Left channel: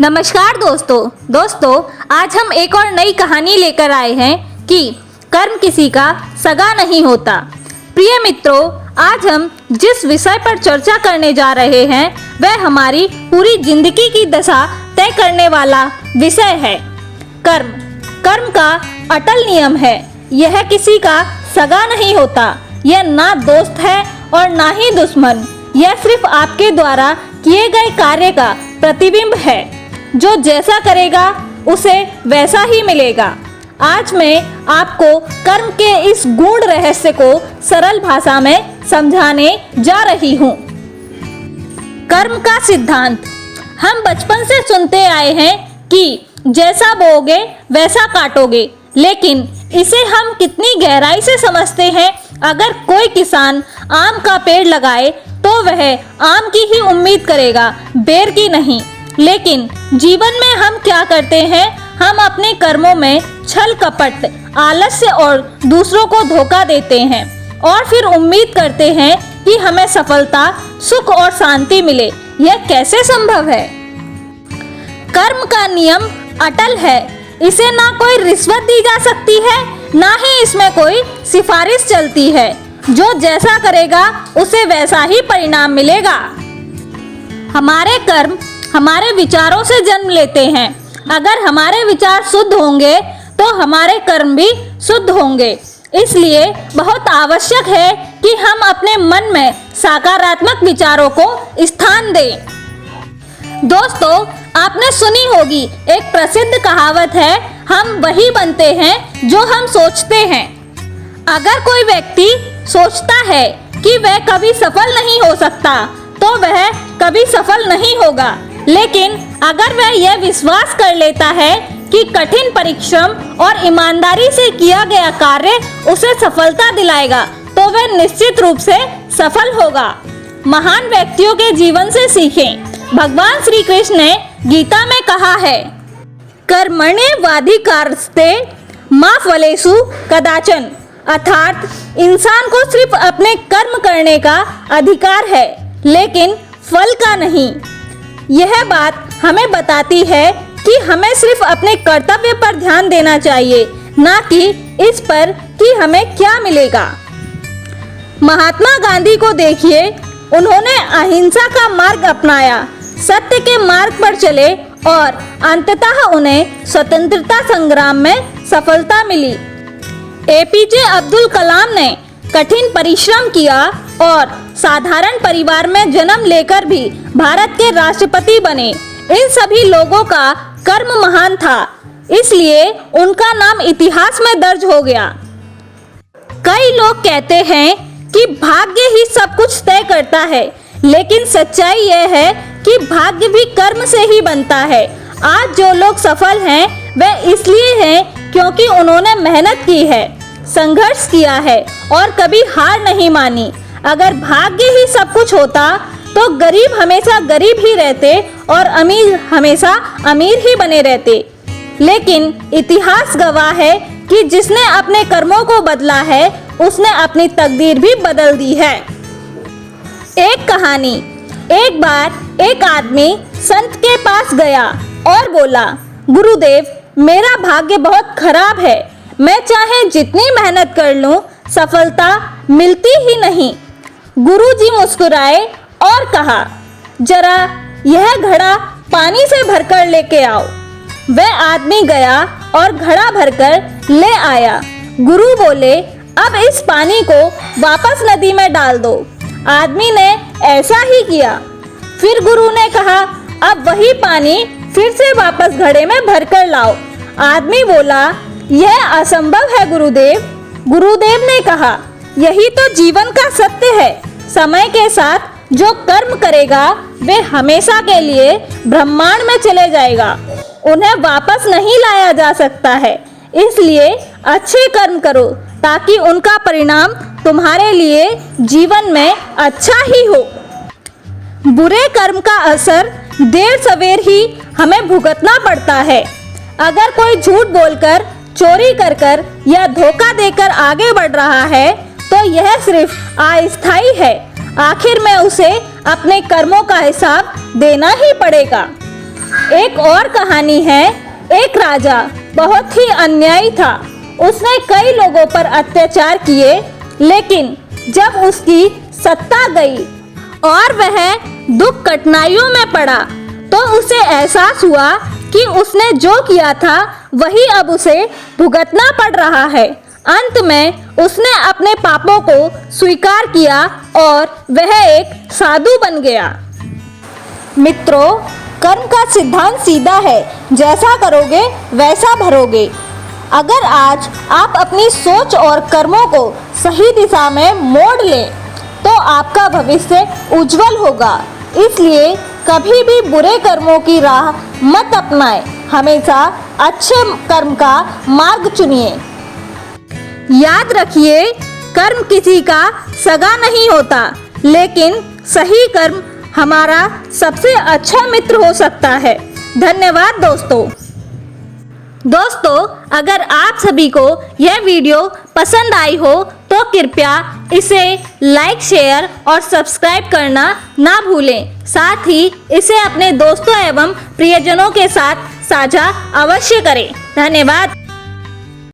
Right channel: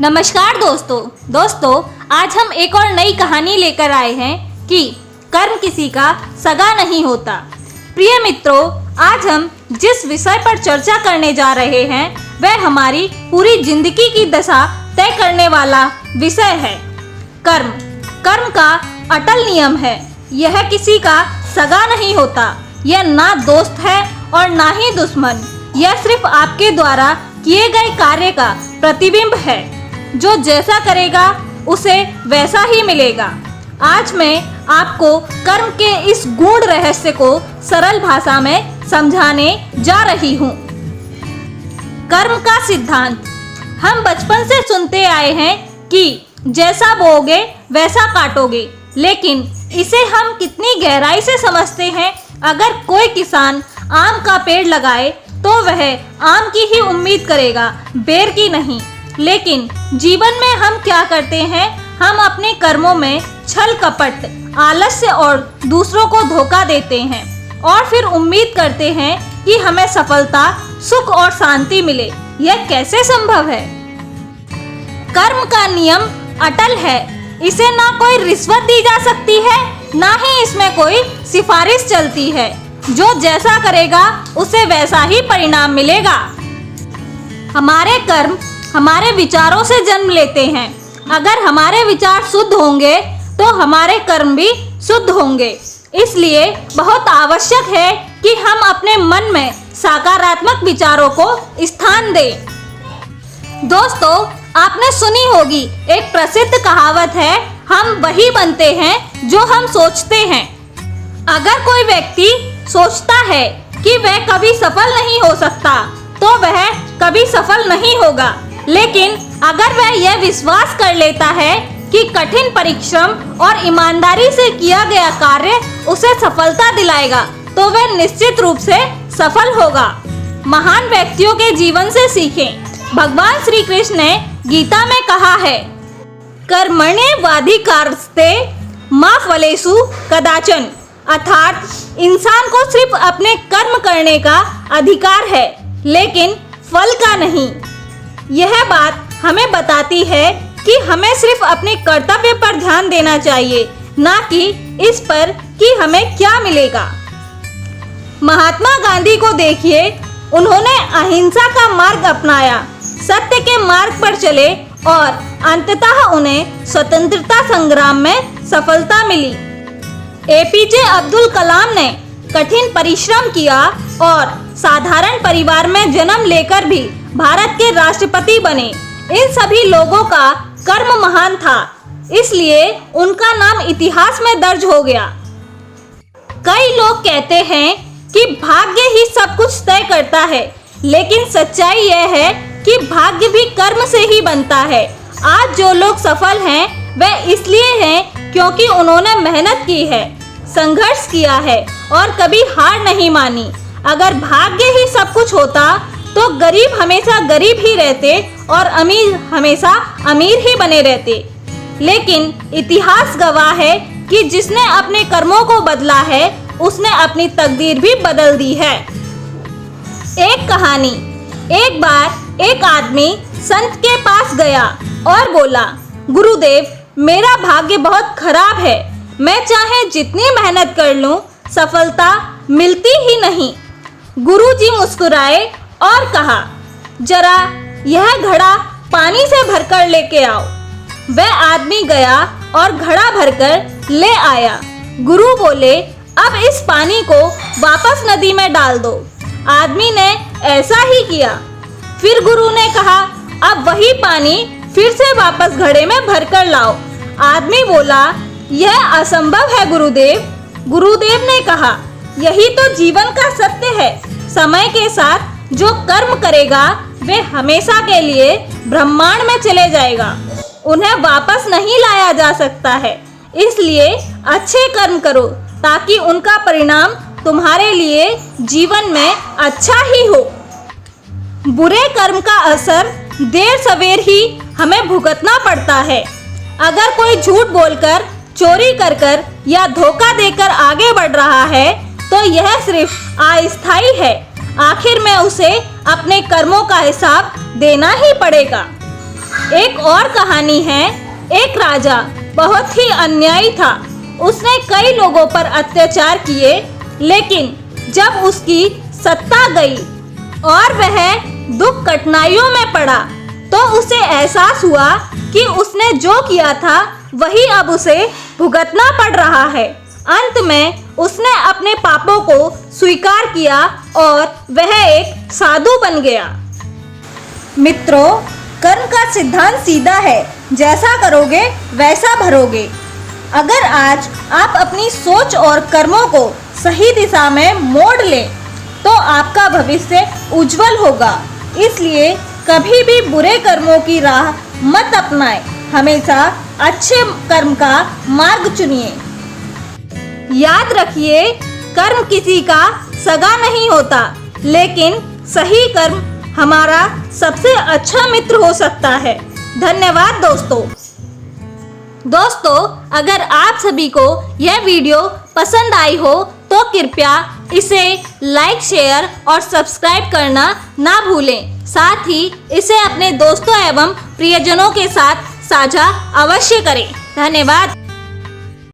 नमस्कार दोस्तों, आज हम एक और नई कहानी लेकर आए हैं कि कर्म किसी का सगा नहीं होता। प्रिय मित्रों, आज हम जिस विषय पर चर्चा करने जा रहे हैं वह हमारी पूरी जिंदगी की दशा तय करने वाला विषय है। कर्म का अटल नियम है। यह किसी का सगा नहीं होता। यह ना दोस्त है और ना ही दुश्मन। यह सिर्फ आपके द्वारा किए गए कार्य का प्रतिबिंब है। जो जैसा करेगा उसे वैसा ही मिलेगा। आज मैं आपको कर्म के इस गूढ़ रहस्य को सरल भाषा में समझाने जा रही हूँ। कर्म का सिद्धांत। हम बचपन से सुनते आए हैं कि जैसा बोओगे वैसा काटोगे, लेकिन इसे हम कितनी गहराई से समझते हैं? अगर कोई किसान आम का पेड़ लगाए तो वह आम की ही उम्मीद करेगा, बेर की नहीं। लेकिन जीवन में हम क्या करते हैं? हम अपने कर्मों में छल कपट, आलस्य और दूसरों को धोखा देते हैं और फिर उम्मीद करते हैं कि हमें सफलता, सुख और शांति मिले। यह कैसे संभव है? कर्म का नियम अटल है। इसे ना कोई रिश्वत दी जा सकती है, ना ही इसमें कोई सिफारिश चलती है। जो जैसा करेगा उसे वैसा ही परिणाम मिलेगा। हमारे कर्म हमारे विचारों से जन्म लेते हैं। अगर हमारे विचार शुद्ध होंगे तो हमारे कर्म भी शुद्ध होंगे। इसलिए बहुत आवश्यक है कि हम अपने मन में सकारात्मक विचारों को स्थान दें। दोस्तों, आपने सुनी होगी एक प्रसिद्ध कहावत है, हम वही बनते हैं जो हम सोचते हैं। अगर कोई व्यक्ति सोचता है कि वह कभी सफल नहीं हो सकता तो वह कभी सफल नहीं होगा। लेकिन अगर वह यह विश्वास कर लेता है कि कठिन परिश्रम और ईमानदारी से किया गया कार्य उसे सफलता दिलाएगा तो वह निश्चित रूप से सफल होगा। महान व्यक्तियों के जीवन से सीखें। भगवान श्री कृष्ण ने गीता में कहा है, कर्मण्येवाधिकारस्ते मा फलेषु कदाचन। अर्थात इंसान को सिर्फ अपने कर्म करने का अधिकार है, लेकिन फल का नहीं। यह बात हमें बताती है कि हमें सिर्फ अपने कर्तव्य पर ध्यान देना चाहिए, ना कि इस पर कि हमें क्या मिलेगा। महात्मा गांधी को देखिए, उन्होंने अहिंसा का मार्ग अपनाया, सत्य के मार्ग पर चले और अंततः उन्हें स्वतंत्रता संग्राम में सफलता मिली। एपीजे अब्दुल कलाम ने कठिन परिश्रम किया और साधारण परिवार में जन्म लेकर भी भारत के राष्ट्रपति बने। इन सभी लोगों का कर्म महान था, इसलिए उनका नाम इतिहास में दर्ज हो गया। कई लोग कहते हैं कि भाग्य ही सब कुछ तय करता है, लेकिन सच्चाई यह है कि भाग्य भी कर्म से ही बनता है। आज जो लोग सफल हैं वे इसलिए हैं क्योंकि उन्होंने मेहनत की है, संघर्ष किया है और कभी हार नहीं मानी। अगर भाग्य ही सब कुछ होता तो गरीब हमेशा गरीब ही रहते और अमीर हमेशा अमीर ही बने रहते। लेकिन इतिहास गवाह है कि जिसने अपने कर्मों को बदला है उसने अपनी तकदीर भी बदल दी है। एक कहानी। एक बार एक आदमी संत के पास गया और बोला, गुरुदेव, मेरा भाग्य बहुत खराब है। मैं चाहे जितनी मेहनत कर लूं, सफलता मिलती ही नहीं। गुरुजी मुस्कुराए और कहा, जरा यह घड़ा पानी से भरकर लेके आओ। वह आदमी गया और घड़ा भरकर ले आया। गुरु बोले, अब इस पानी को वापस नदी में डाल दो। आदमी ने ऐसा ही किया। फिर गुरु ने कहा, अब वही पानी फिर से वापस घड़े में भरकर लाओ। आदमी बोला, यह असंभव है गुरुदेव। गुरुदेव ने कहा, यही तो जीवन का सत्य है। समय के साथ जो कर्म करेगा वे हमेशा के लिए ब्रह्मांड में चले जाएगा। उन्हें वापस नहीं लाया जा सकता है। इसलिए अच्छे कर्म करो ताकि उनका परिणाम तुम्हारे लिए जीवन में अच्छा ही हो। बुरे कर्म का असर देर सवेर ही हमें भुगतना पड़ता है। अगर कोई झूठ बोलकर, चोरी कर कर या धोखा देकर आगे बढ़ रहा है तो यह सिर्फ अस्थायी है। आखिर में उसे अपने कर्मों का हिसाब देना ही पड़ेगा। एक और कहानी है। एक राजा बहुत ही अन्यायी था। उसने कई लोगों पर अत्याचार किए, लेकिन जब उसकी सत्ता गई और वह दुख कठिनाइयों में पड़ा तो उसे एहसास हुआ कि उसने जो किया था वही अब उसे भुगतना पड़ रहा है। अंत में उसने अपने पापों को स्वीकार किया और वह एक साधु बन गया। मित्रों, कर्म का सिद्धांत सीधा है, जैसा करोगे वैसा भरोगे। अगर आज आप अपनी सोच और कर्मों को सही दिशा में मोड़ लें तो आपका भविष्य उज्जवल होगा। इसलिए कभी भी बुरे कर्मों की राह मत अपनाएं, हमेशा अच्छे कर्म का मार्ग चुनिए। याद रखिए, कर्म किसी का सगा नहीं होता, लेकिन सही कर्म हमारा सबसे अच्छा मित्र हो सकता है। धन्यवाद दोस्तों, अगर आप सभी को यह वीडियो पसंद आई हो तो कृपया इसे लाइक, शेयर और सब्सक्राइब करना ना भूलें। साथ ही इसे अपने दोस्तों एवं प्रियजनों के साथ साझा अवश्य करें। धन्यवाद।